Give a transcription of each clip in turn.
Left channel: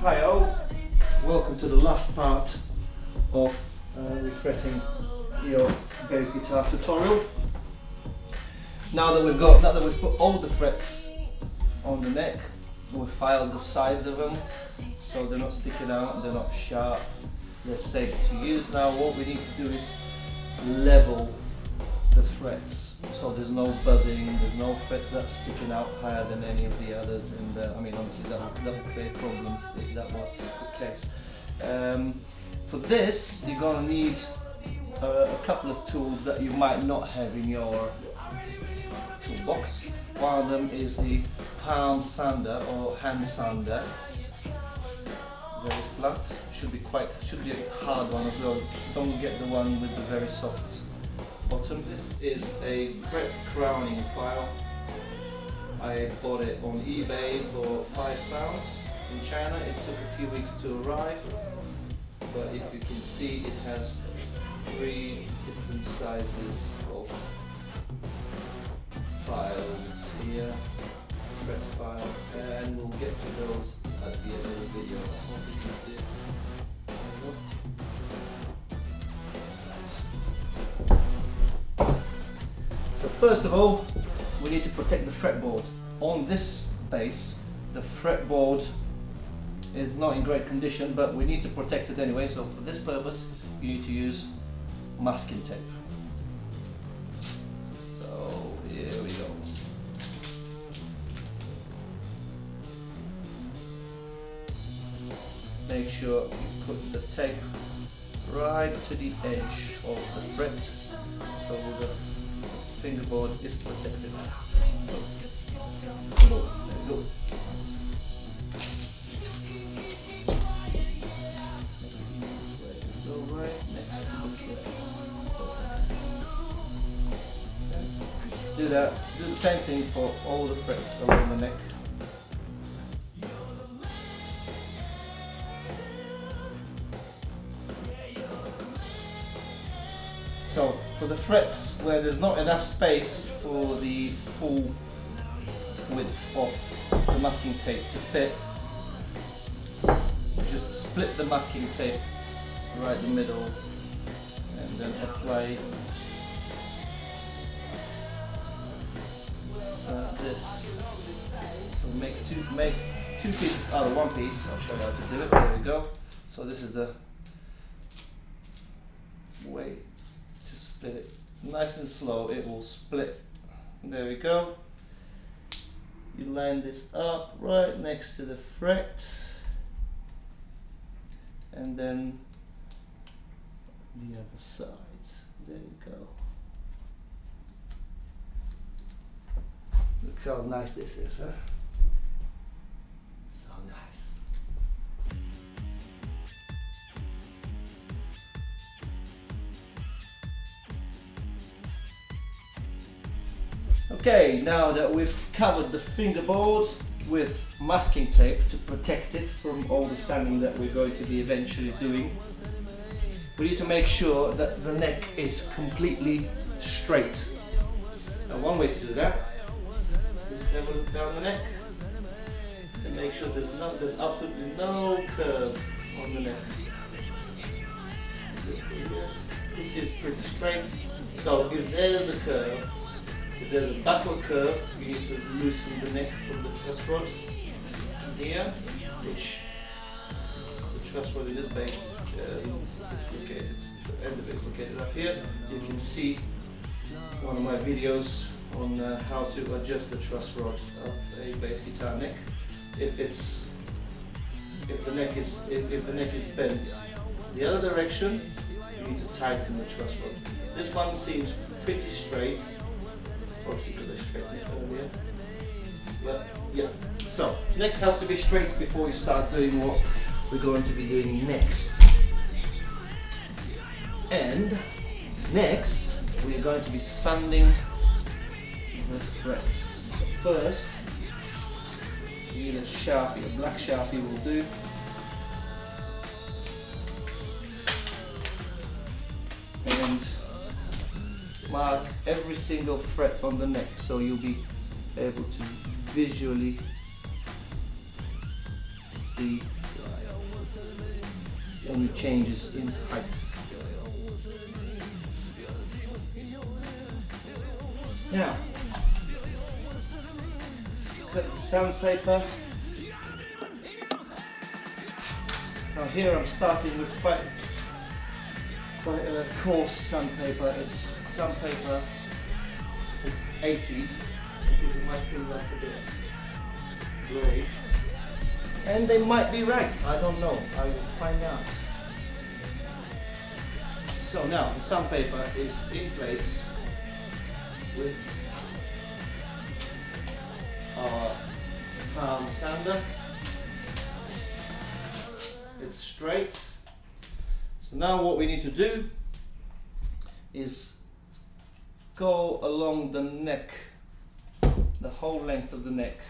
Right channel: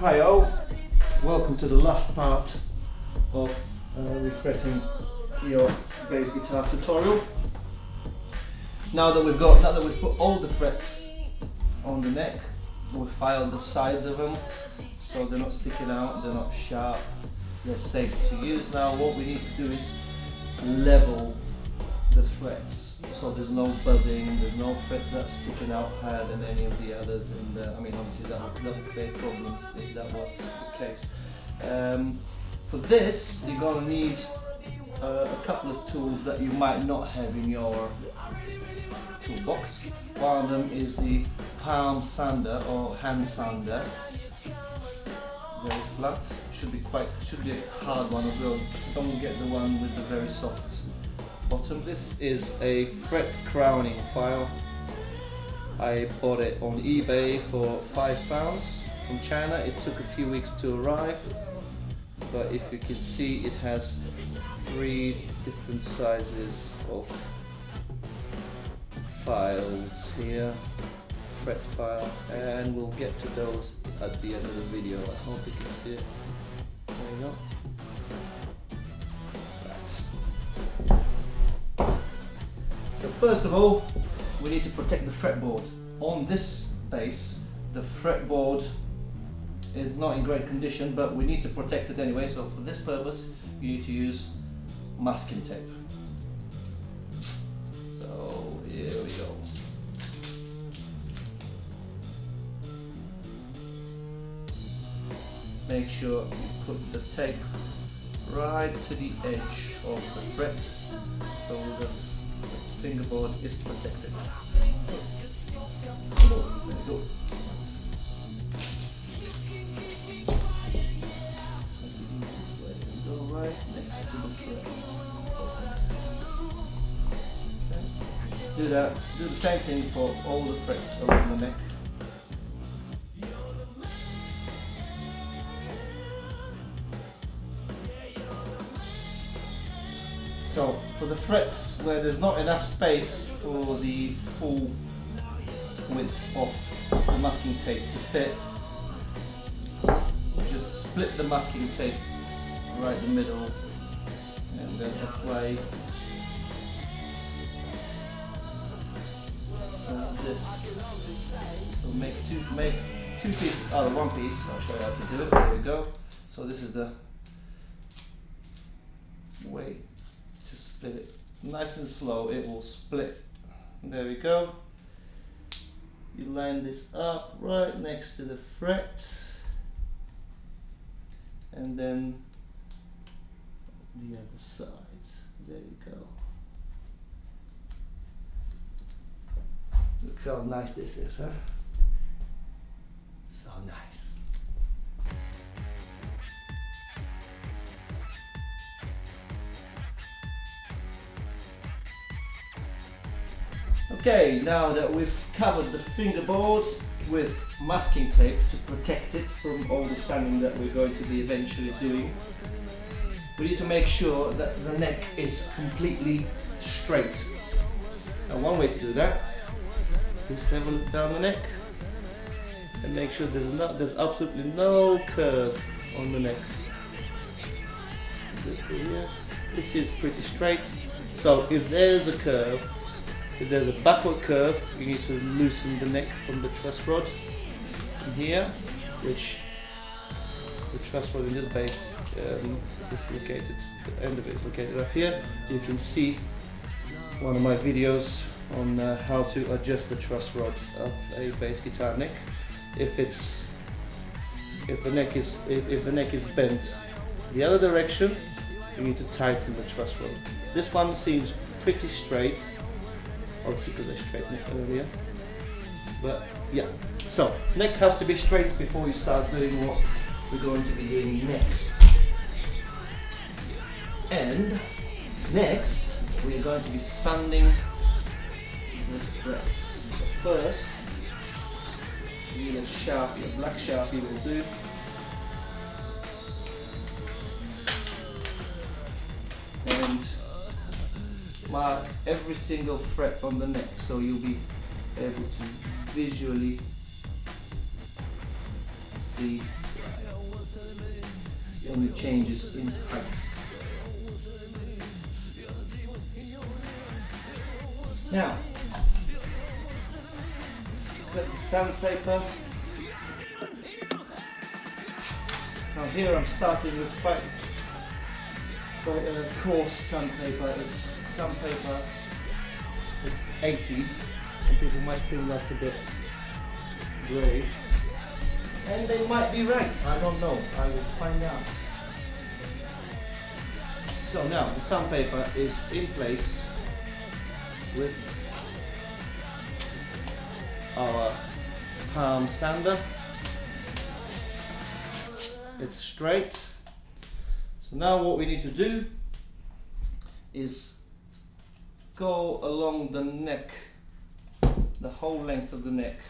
Hi all, welcome to the last part of refretting your bass guitar tutorial. Now that we've put all the frets on the neck, we've filed the sides of them so they're not sticking out, they're not sharp, they're safe to use. Now what we need to do is level the frets so there's no buzzing, there's no frets that's sticking out higher than any of the others, and I mean obviously that will create problems if that was the case. For this you're going to need a couple of tools that you might not have in your toolbox. One of them is the palm sander or hand sander. Very flat, should be a hard one as well. Don't get the one with the very soft bottom. This is a fret crowning file. I bought it on eBay for £5 from China. It took a few weeks to arrive, but if you can see, it has 3 different sizes of files here, fret file, and we'll get to those at the end of the video. I hope you can see it. There you go. So first of all, we need to protect the fretboard. On this bass, the fretboard is not in great condition, but we need to protect it anyway, so for this purpose you need to use masking tape. So here we go. Make sure you put the tape right to the edge of the fret so the fingerboard is protected. There we go. Go right next to the fret. Okay. Do the same thing for all the frets along the neck. So for the frets where there's not enough space for the full width of the masking tape to fit, just split the masking tape right in the middle and then apply this. So make two pieces out of one piece. I'll show you how to do it. There we go. So this is the way to split it. Nice and slow, it will split. There we go. You line this up right next to the fret, and then the other side. There you go. Look how nice this is, huh? So nice. Okay, now that we've covered the fingerboard with masking tape to protect it from all the sanding that we're going to be eventually doing, we need to make sure that the neck is completely straight. Now one way to do that, just have a look down the neck and make sure there's absolutely no curve on the neck. This is pretty straight, so if there's a curve, if there's a backward curve, you need to loosen the neck from the truss rod here, which the truss rod in this bass is located, the end of it is located up here. You can see one of my videos on how to adjust the truss rod of a bass guitar neck. If the neck is bent the other direction, you need to tighten the truss rod. This one seems pretty straight. Obviously because I straightened it earlier. But yeah, so neck has to be straight before you start doing what we're going to be doing next. And next we're going to be sanding the frets. So first, you need a Sharpie, a black Sharpie will do. And mark every single fret on the neck so you'll be able to visually see any changes in height. Now, cut the sandpaper. Now here I'm starting with quite a coarse sandpaper. It's sandpaper, it's 80. Some people might think that's a bit brave. And they might be right, I don't know, I will find out. So now the sandpaper is in place with our palm sander. It's straight. So now what we need to do is go along the neck, the whole length of the neck.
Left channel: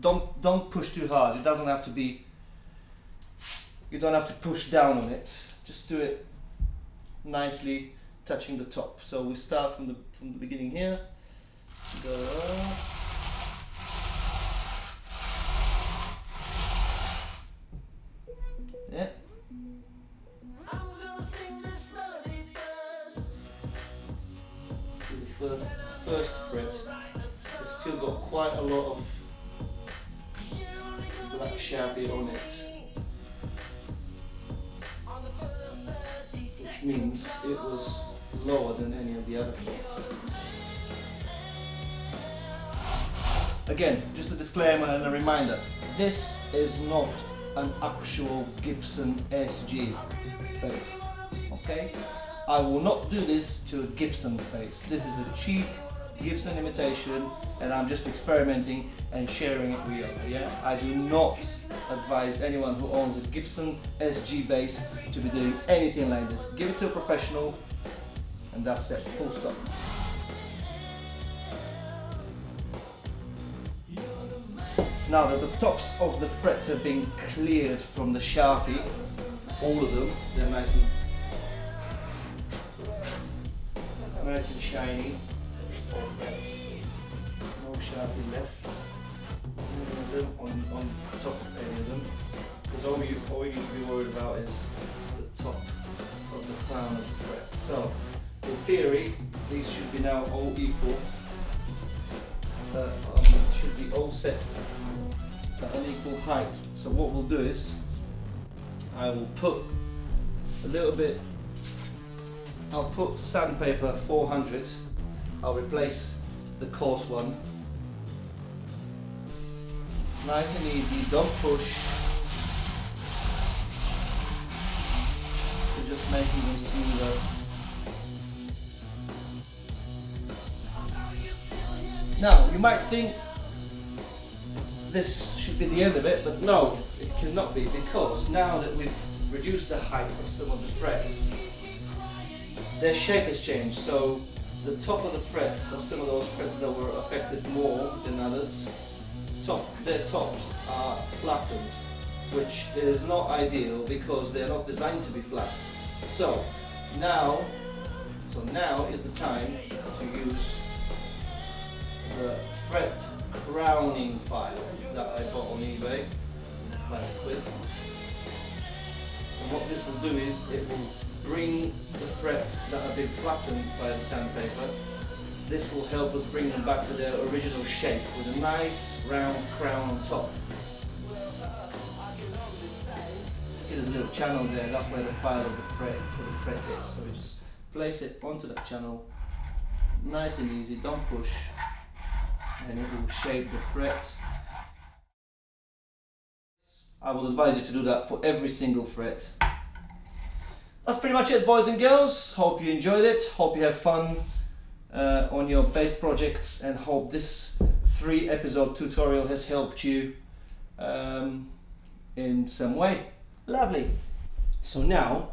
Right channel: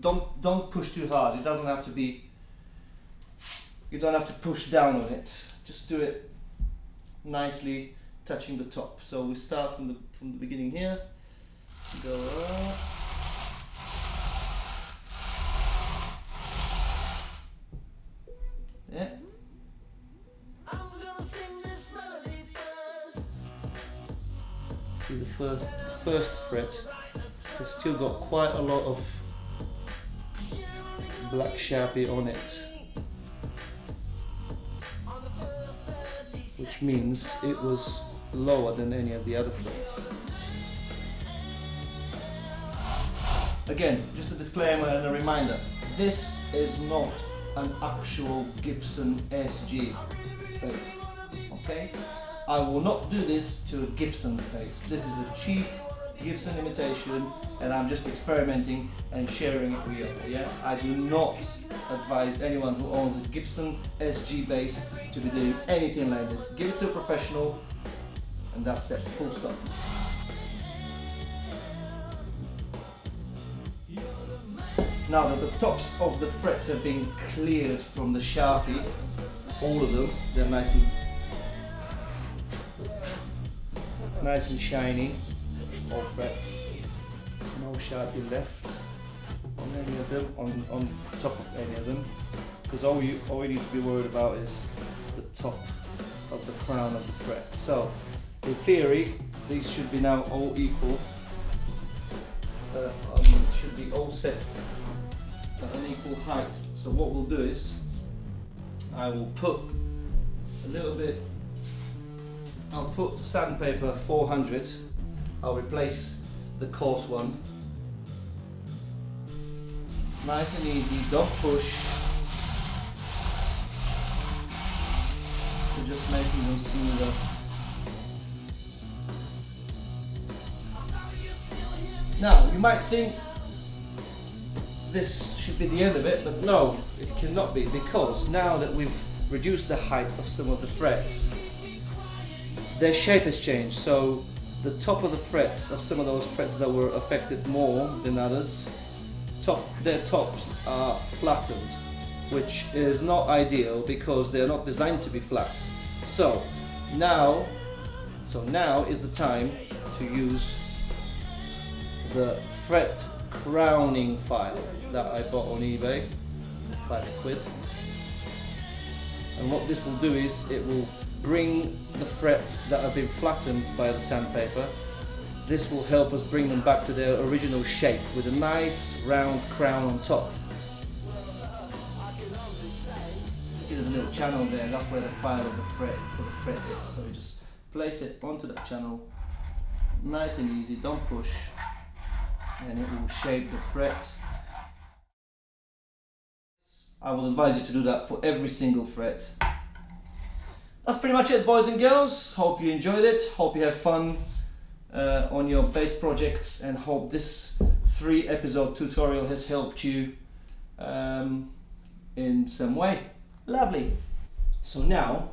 Don't push too hard. It doesn't have to be, you don't have to push down on it. Just do it nicely, touching the top. So we start from the beginning here. Go up. Yeah. See the first fret. It's still got quite a lot of black sharpie on it, which means it was lower than any of the other frets. Again, just a disclaimer and a reminder, this is not an actual Gibson SG bass, okay? I will not do this to a Gibson bass. This is a cheap Gibson imitation and I'm just experimenting and sharing it with you, yeah? I do not advise anyone who owns a Gibson SG bass to be doing anything like this. Give it to a professional and that's it, full stop. Now that the tops of the frets have been cleared from the Sharpie, all of them, they're nice and shiny, all frets, no Sharpie left on any of them, on top of any of them, because all you need to be worried about is the top of the crown of the fret. So, in theory, these should be now all equal, should be all set at an equal height. So what we'll do is I will put a little bit, I'll put sandpaper 400, I'll replace the coarse one. Nice and easy, don't push. We're just making them smoother. Now you might think this should be the end of it, but no, it cannot be, because now that we've reduced the height of some of the frets, their shape has changed. So the top of the frets of some of those frets that were affected more than others, their tops are flattened, which is not ideal because they're not designed to be flat. So now is the time to use the fret crowning file that I bought on eBay, £5. And what this will do is it will bring the frets that have been flattened by the sandpaper. This will help us bring them back to their original shape with a nice round crown on top. See, there's a little channel there, and that's where the file of the fret for the fret is. So we just place it onto that channel, nice and easy, don't push, and it will shape the fret. I will advise you to do that for every single fret. That's pretty much it, boys and girls. Hope you enjoyed it, hope you have fun on your bass projects, and hope this 3-episode tutorial has helped you in some way. Lovely. So now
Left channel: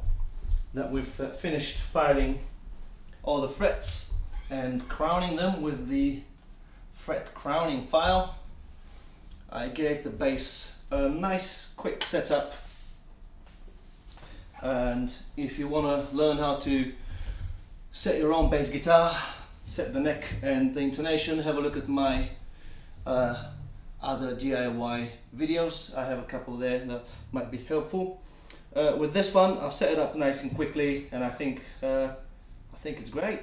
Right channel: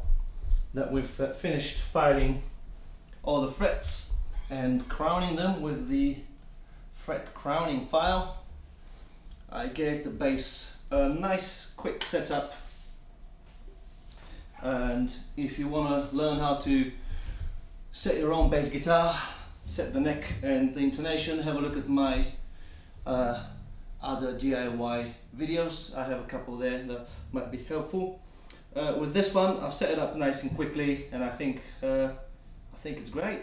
that we've finished filing all the frets and crowning them with the fret crowning file, I gave the bass a nice quick setup. And if you want to learn how to set your own bass guitar, set the neck and the intonation, have a look at my other DIY videos. I have a couple there that might be helpful. With this one, I've set it up nice and quickly, and I think it's great.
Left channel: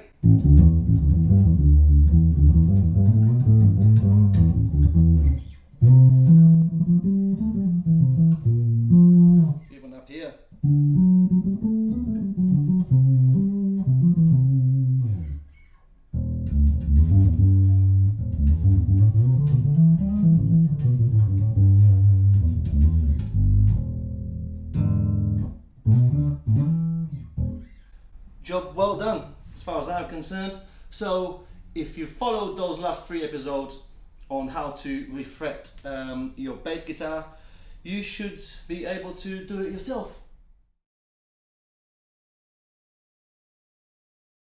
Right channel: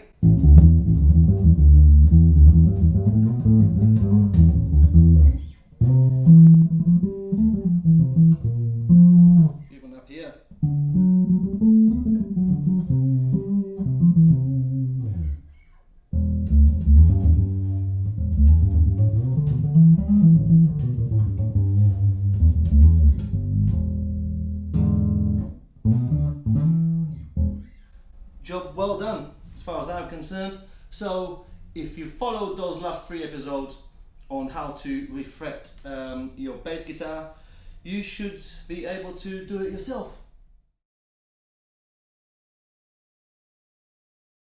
Even up here. Job well done, as far as I'm concerned. So if you followed those last 3 episodes on how to refret your bass guitar, you should be able to do it yourself.